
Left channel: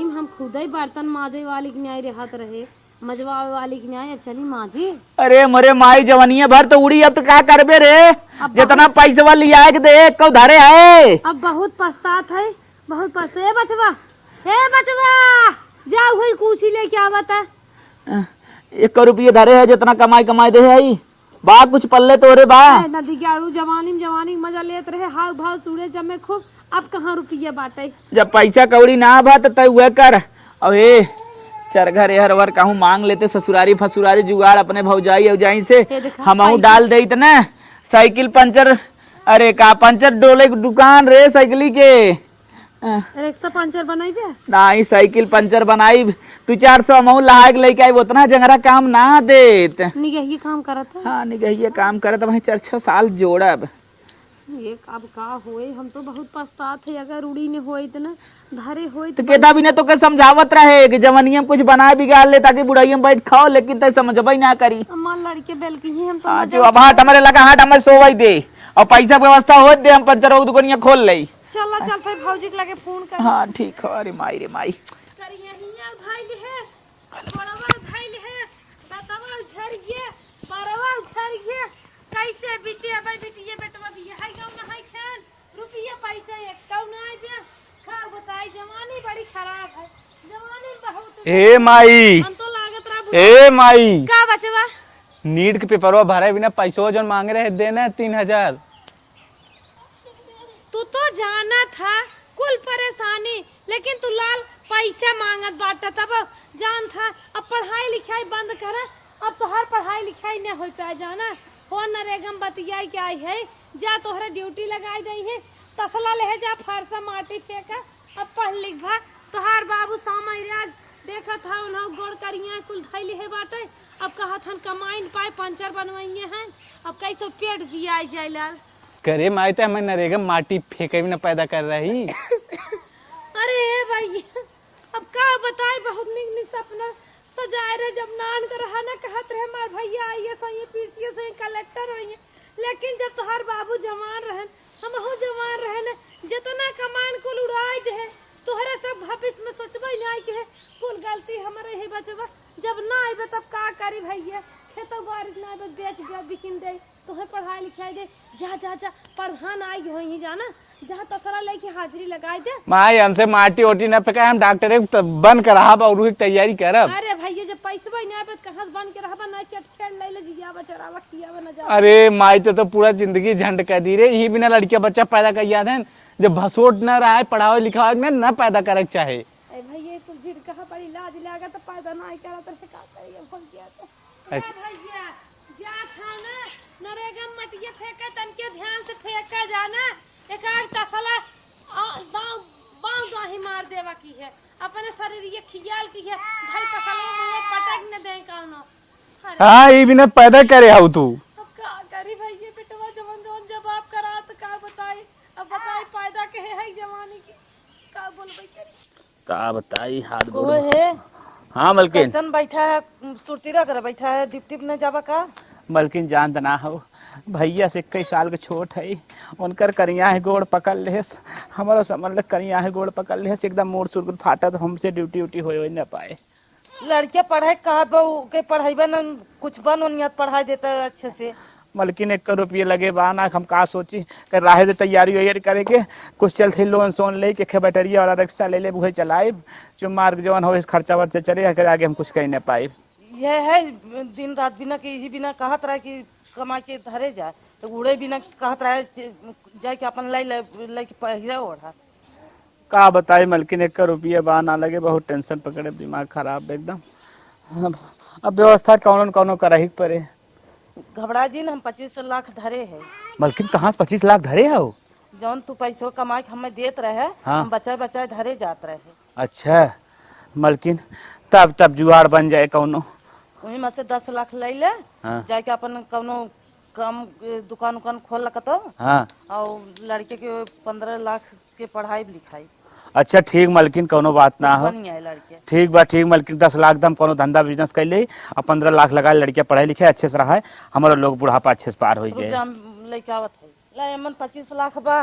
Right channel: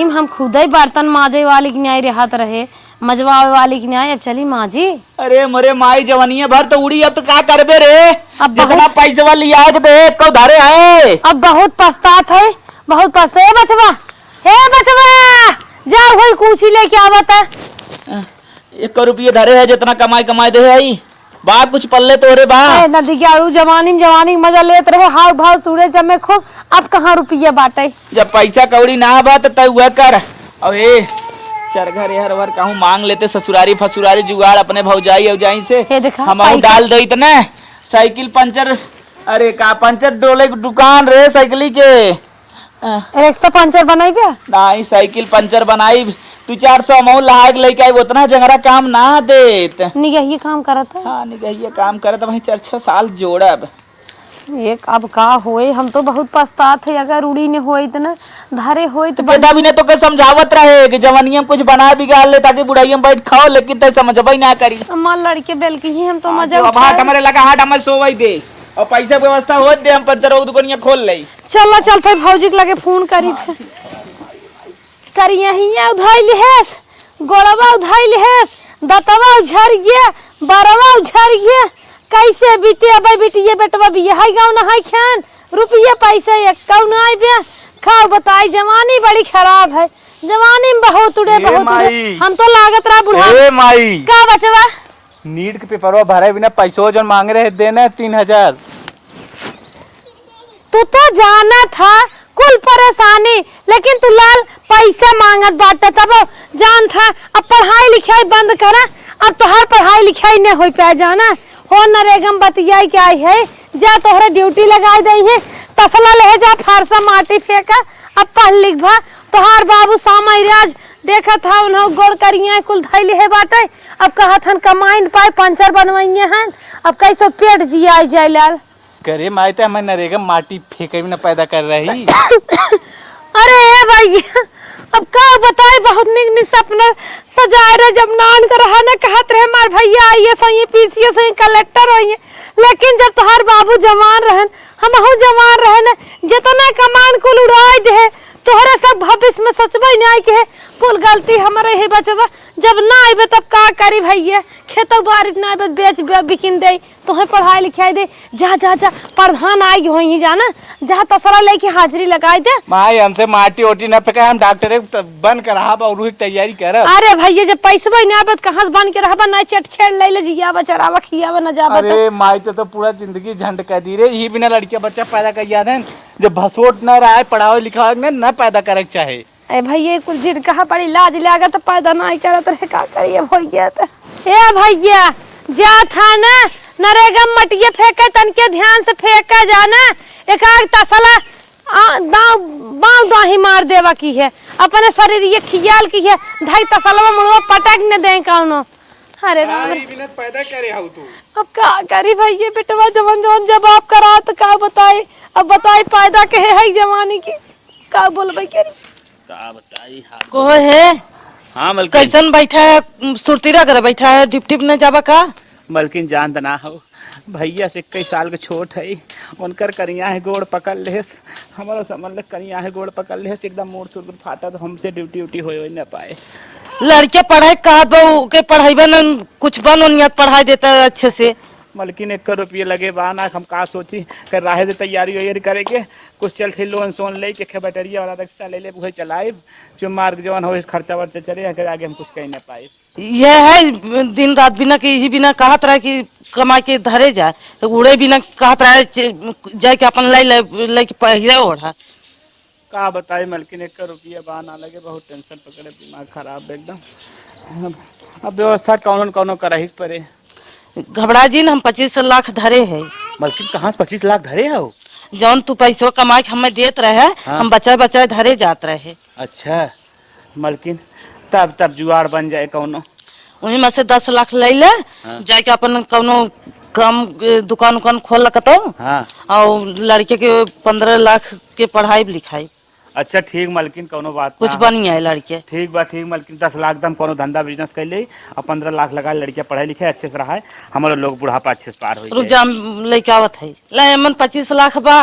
में हम खुद ही बर्तन माजे वाली की न्याय रहत रहे मजवावे वाली की न्याय अब चली माजी। अरे मरे माई जवानिया भर तो उड़ी अब तो क्या करबे रे अब जितना पैसा लिया के दे कौ धारे आए। अब बहुत पछतात है बहुत पछता हे बचवा जा होई कुछ लेके आवता 1 रुपये धरे है जितना कमाई दे आई बात कुछ पल्ले तो रे बा। नदी के जवानी में मजा लेत रहे हाव भाव सूरज जमे खूब अब कहाँ रुपये बाटे। जब पैसा कौड़ी ना बा तो वह कर। अब ए 4 घर हर वर कहूँ मांग लेते ससुरारी फसुरारी जुगाड़ अपने भौजाई औजाई से हे देखा हम पैसा- डाल दे इतने साइकिल पंचर। अरे का पंचर डोले की दुकान रे साइकिल के रिक्शा पंचर बनाई नहीं साइकिल पंचर बनाई तू 400 अमाउंट लहा के लेके आई उतना जंगरा काम ना देत। निगहिए काम करत है। हाँ निगहिए काम करे तो वही 4-6 साल जोड़ब। एक अब का होए हम तो बहुत पछतात है अगर उड़ी ने होई त न धारे होई तो तो पिता भी ने तो के समझावत रहे कि जवानिया में कुछ बना बिगाड़ ले ताकि बुढ़ाइया में बैठ खाओ लेकिन तय समझबई ना करी। हमार लड़के बेल की ही हम तो मजा अब हाथ हमारे लगा हाथ हमें सोवाई दे और पैसा व्यवस्था होत दे हम पंचर और दुकानिया खोल लई। चल चलते भौजी के लगे फोन करी ठीक है। अरे माई रे माई करिया हिया उधाइल है गोड़वा उधाइल है दतवा उझर गया बरवा उझर गया कैसे बीते अब बिटिया बेटवा भी यही गाँव नहाई खान रुपये पैसा एक कौ ना आई बे खाओ बताई जवानी बड़ी खराब है जवानी में बहुत उड़े बहुत उड़े। हम तो लागत रहा बुढ़ा ए माई का बचवा नीट के पेपरवा भरे बिना पैसो जो मांग रहे देना 3000। तू तो जाना था कुल परेशानी लेकिन तू लाल पैसा मांगत बाटे तब जान था अब पढ़ाई लिखाई बंद करा अब तो हर पढ़ाई लिखाई नहीं हो पाया जाना हो नरेगम बतियाई के आई है जा तोहरे ड्यूटी लगाई दई है तसला ले जा फारसा माटी फेंका अब पढ़ लिख भा तोहार बाबू सामय राज देखा था उन्हों गोड़ करिया कुल धैले है बाटे अब कहत हन कमाइन पाए पंचर बनवाइए हैं अब कैसे पेट जिया जाए लाल करे माई तो हमें नरेगा माटी फेंके भी ना पैदा कर रही। अरे भैया अब का बताए बहुत निक सपना सजाए रहे जब नान कर रहा ना कहत रहे मार भैया आइए सही पीसीए सही कलेक्टर होइए लेकिन जब तोहार बाबू जवान रहन हमहू जवान रहे न जितना कमान कुल उड़ाई दे तोहरे सब भविष्य में सचबई नहीं के कुल गलती हमारे ही बचवा जब ना आइबे तब का करी भैया खेतो बाड़ी ना आइबे बेच बिकिन दे तोहे पढ़ाई लिखाई दे जा जा जा प्रधान आई होई जाना जहाँ तसरा लेके हाजिरी लगाई दे। माई हमसे माटी ओटी ना फेंका हम डॉक्टर बन कर और तैयारी करब। अरे भैया जब पैसा नहीं आबे कहाँ से बन के रहबा ना चट छेड़ ले जियाबा चरावा खियाबा न जाबा। अरे माई तो पूरा जिंदगी झंड कर दी रे यही बिना लड़किया बच्चा पैदा कर याद है जब भसोट न रहा है पढ़ाओ लिखाओ में न पैदा करे चाहे। ए भैया कुल जिद कहा बड़ी लाज लागा तो पैदा नहीं करत रहे का करिए भैया तो ए भैया जा था ना नरेगा मटिया फेंका तन के ध्यान से फेंका जाना एक आग तसला बाव दाही मार देवा की है अपने शरीर ये खियाल की है ढाई तसलवा मुड़वा पटक न दे कौनो। अरे हाँ ये बिना पैदा करे हाउ तू। अब का करी भाई ये बेटवा जवन जवन जवाब करा तो का बताई। अब बताई पैदा के है जवानी की का बोलबे करी का बताई हाथ को है हाँ मलकिन कैसन बैठा है सुरतीरा करे बैठा है टिप टिप न जाबा का। मलकिन जान तना हो भैया से 21 साल के छोट है उनकर करिया है गोड़ पकड़ लेस हमारा समझ ले करिया है गोड़ पकड़ लेस एकदम मोड़ सुर फाटा तो हमसे ड्यूटी उटी हो न पाए। लड़के पढ़ाई कहा बहू के पढ़ाई बन कुछ बन उनियत पढ़ाई देता है अच्छे से। मलकिन 1 करोड़ रुपये लगे बाना हम का सोची कर राहे से तैयारी वैयारी करे के कुछ चल थे लोन सोन ले के बैटरी वाला रिक्शा ले वही चलाए जो मार्ग जवन हो इस खर्चा वर्चा चले अगर आगे हम कुछ कह न पाए। यह है दिन रात बिना के यही बिना कहत रहे कि कमा के धरे जाए तो उड़े बिना कहत रहे जाए के अपन ले के पहिरे ओढ़ा। का बताए मलकिन 1 करोड़ रुपये बाना लगे बहुत टेंशन पकड़े दिमाग खराब एकदम। अब व्यवस्था कौन कौन करही पड़े। घबरा जी न हम 25 लाख धरे है। मलकिन कहाँ से 25 लाख धरे हो। जौन तू पैसों कमा के हमें देत रहे हाँ। हम बचाए बचाए धरे जात रहे। अच्छा मलकिन तब जुआर बन जाए कौनो उन्हीं में से 10 लाख ले ले हाँ। जाके अपन कौनो काम दुकान उकान खोल लगता हाँ। और लड़के के 15 लाख के पढ़ाई लिखाई अच्छा ठीक मलकिन कोनो बात कुछ ना बन है लड़के। ठीक बा ठीक मलकिन 10 लाख दम कोनो धंधा बिजनेस कर ले और 15 लाख लगा लड़कियां पढ़े लिखे अच्छे से रहा है हमारे लोग बुढ़ापा अच्छे से पार हो रुक जाए। जा लेके आवत है ले मन 25 लाख बा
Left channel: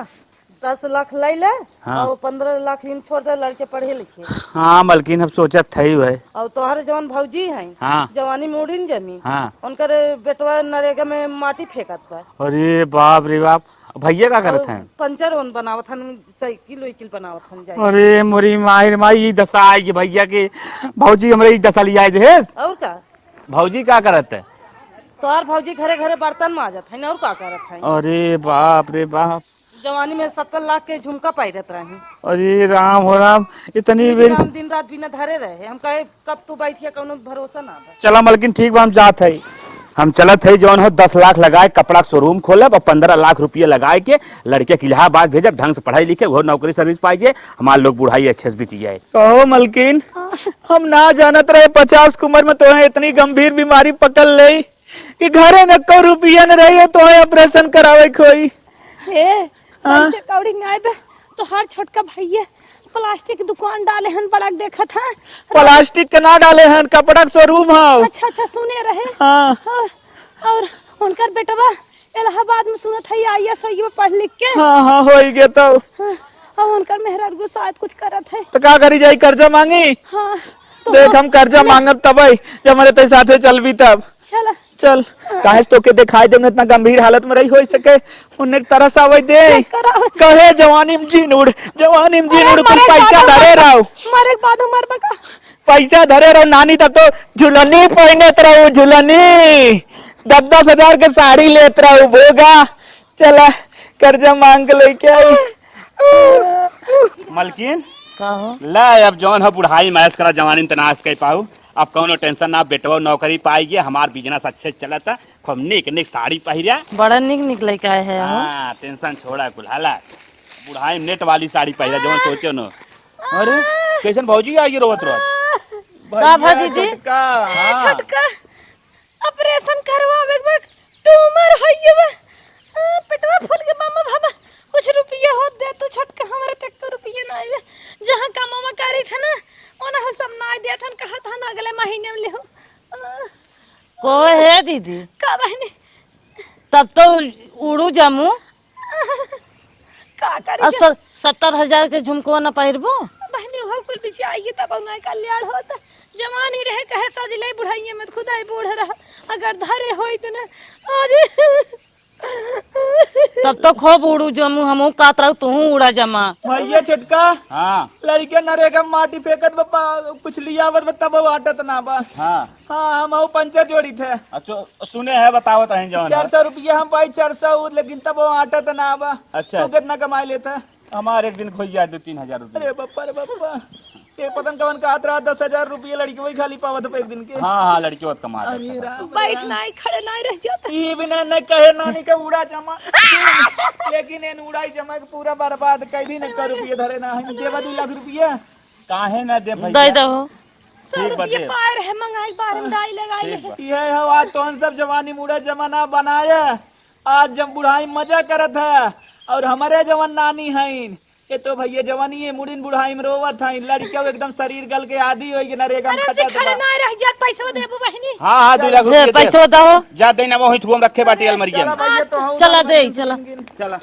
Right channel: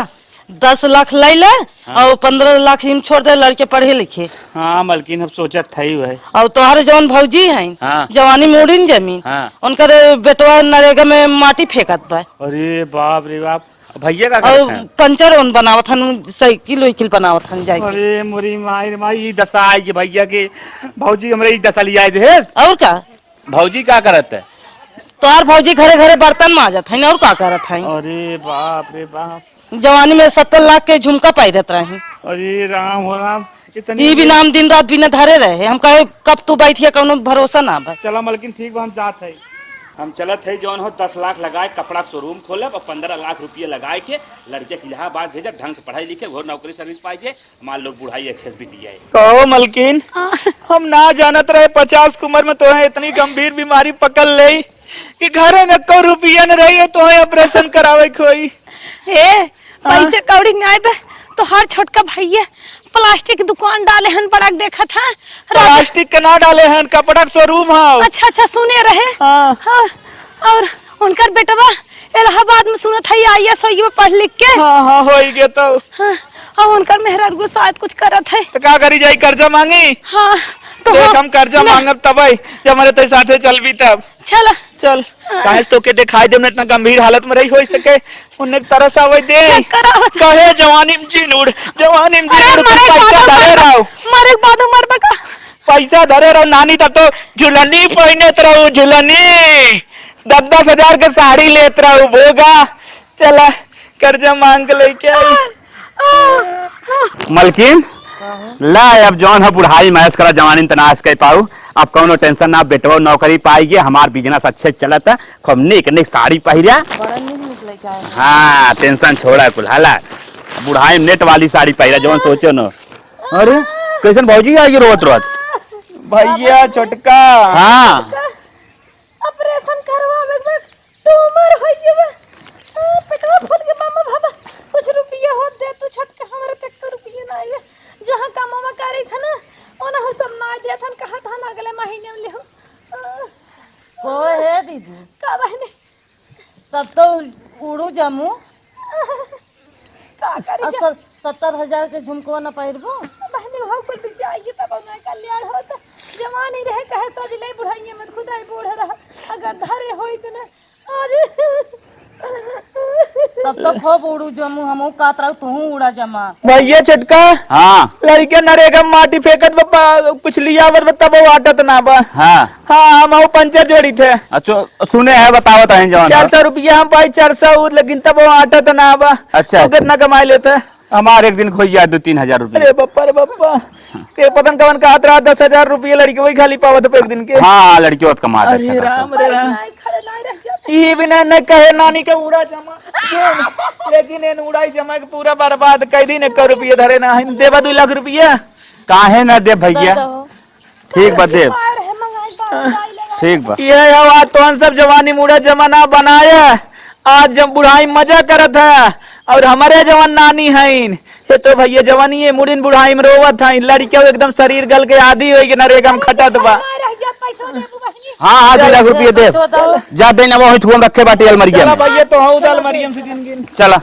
10 लाख ले ले हाँ। और 15 लाख हिम छोड़ दे लड़के पढ़े लिखे। हाँ मलकिन हम सोचत थे है और तोहरे जवन भौजी है हाँ। जवानी में उड़ीन जमीन हाँ। उनकर बेटवा नरेगा में माटी फेंकत बा अरे बाप रे बाप भैया का और करते हैं? पंचर उन बनावत हन साइकिल वाइकिल बनावत हन जाके। अरे मोरी माई दशा आई कि भैया के भौजी हमरे दशा लिया है। और का भौजी क्या करत है। तोहार भौजी घरे घरे बर्तन माजत है और का करत है। अरे बाप रे बाप जवानी में 70 लाख के झुमका पाइरत रहे। अरे राम हो राम इतनी ई बिना हम दिन रात बिना धरे रहे हम कहे कब तू बैठिया कौनो भरोसा ना बा। चलो मलकिन ठीक बा हम जात है हम चलत है जौन हो 10 लाख लगाए कपड़ा शोरूम खोलब और 15 लाख रुपये लगाए के लड़के के इलाहाबाद भेजब ढंग से पढ़ाई लिखे वो नौकरी सर्विस पाइए हमारे लोग बुढ़ाई अच्छे से बीत जाए। कहो मलकिन हम ना जानत रहे 50 की उम्र में तो इतनी गंभीर बीमारी पकड़ ले कि घरे में 1 रुपया न रहे तो ऑपरेशन करावे कोई। ए पैसे कौड़ी नहीं बे तो हर छोटका भैया प्लास्टिक की दुकान डाले हन बड़ा देखा था। प्लास्टिक के ना डाले हैं कपड़ा शोरूम है। अच्छा अच्छा सुने रहे हाँ। हाँ, और उनकर बेटवा इलाहाबाद में सुनत है IAS में पढ़ लिख के हाँ हाँ हो गया तो हाँ, और उनकर मेहरारू शायद कुछ करत है। तो क्या करी जाई कर्जा मांगी। हाँ तो देख हम कर्जा मांगब तब जब हमारे तेरे साथे चलबी तब चल चल काहे तो के दिखाई दे इतना गंभीर हालत में रही हो सके उन्ने तरस आवे दे चेक कराओ। कहे जवानी में जी उड़ जवानी में जी अरे उड़ तू मरे पैसा धरे रहो मरे बाद मर बका पैसा धरे रहो नानी तब तो झुलनी पहने रहो झुलनी 10-10 हजार के साड़ी लेत रहो भोगा चला कर्जा मांग के लेके आई। मलकिन ला अब जौन है बुढ़ाई मैस करा जवानी तनाश कर पाऊ अब कौनो टेंशन ना बेटवा नौकरी पाएगी हमार बिजनेस अच्छे चलत है खूब निक निक साड़ी पहिरा बड़ा निक निकले का है। हाँ टेंशन छोड़ा कुल हाला बुढ़ाई में नेट वाली साड़ी पहिरा जौन सोचो न। अरे कैसन भौजी आ गई रोत रोत भैया छोटका हाँ ऑपरेशन करवावे के बाद ट्यूमर होइए बा पेटवा फूल के मामा बाबा कुछ रुपया होत दे तू छोटका हमरे तक तो रुपया ना आइले जहां कामवा करी था ना ओना हो सब ना दिया था कहा था ना अगले महीने में ले हम को है दीदी का बहनी तब तो उड़ू जमू का करी और 70,000 के झुमको न पहिरबो बहनी हो कुल बिची आइए तब ना कल्याण होत जवानी रहे कहे सजले बुढ़ाइए मत खुदाई बूढ़ रहा अगर धरे होई त ना आज तब तो खूब उड़ू जमू हमहू कात रहू तू उड़ा जमा। भैया छोटका हाँ लड़के नरेगा माटी फेंकत बप्पा कुछ लिया बता वो आटत ना बा हाँ हाँ हम वो पंचर जोड़ी थे अच्छा सुने है बतावत है जवान 400 रुपया हम पाई 400 लेकिन तब वो आटत ना बा। अच्छा, तो कितना कमाई लेते हमारे एक दिन खोई जाए 2-3 हजार रुपये। अरे बप्पा रे बप्पा के पतन कवन का हाथ रहा 10,000 रुपया लड़के वही खाली पावत पे एक दिन के। हाँ हाँ लड़की कमा अरे राम रे राम नहीं खड़े नहीं रह जाते ये बिना न कहे नानी का उड़ा जमा लेकिन इन उड़ाई जमा के पूरा बर्बाद कर दी न 1 रुपया धरे ना हम देवा 2 लाख रुपया काहे ना दे भैया ठीक बा दे ठीक बा ये हवा तो सब जवानी मुड़ा जमाना बनाया आज जब बुढ़ाई मजा करत है और हमारे जवान नानी है ये तो भैया जवानी है मुड़िन बुढ़ाई में रोवत है लड़कियों एकदम शरीर गल के आदि हो गई नरेगा में खटत बा। हाँ हाँ 2 लाख रुपया दे जा देना वो थुम रखे बाटे अलमारी चला में भैया तो हूँ चला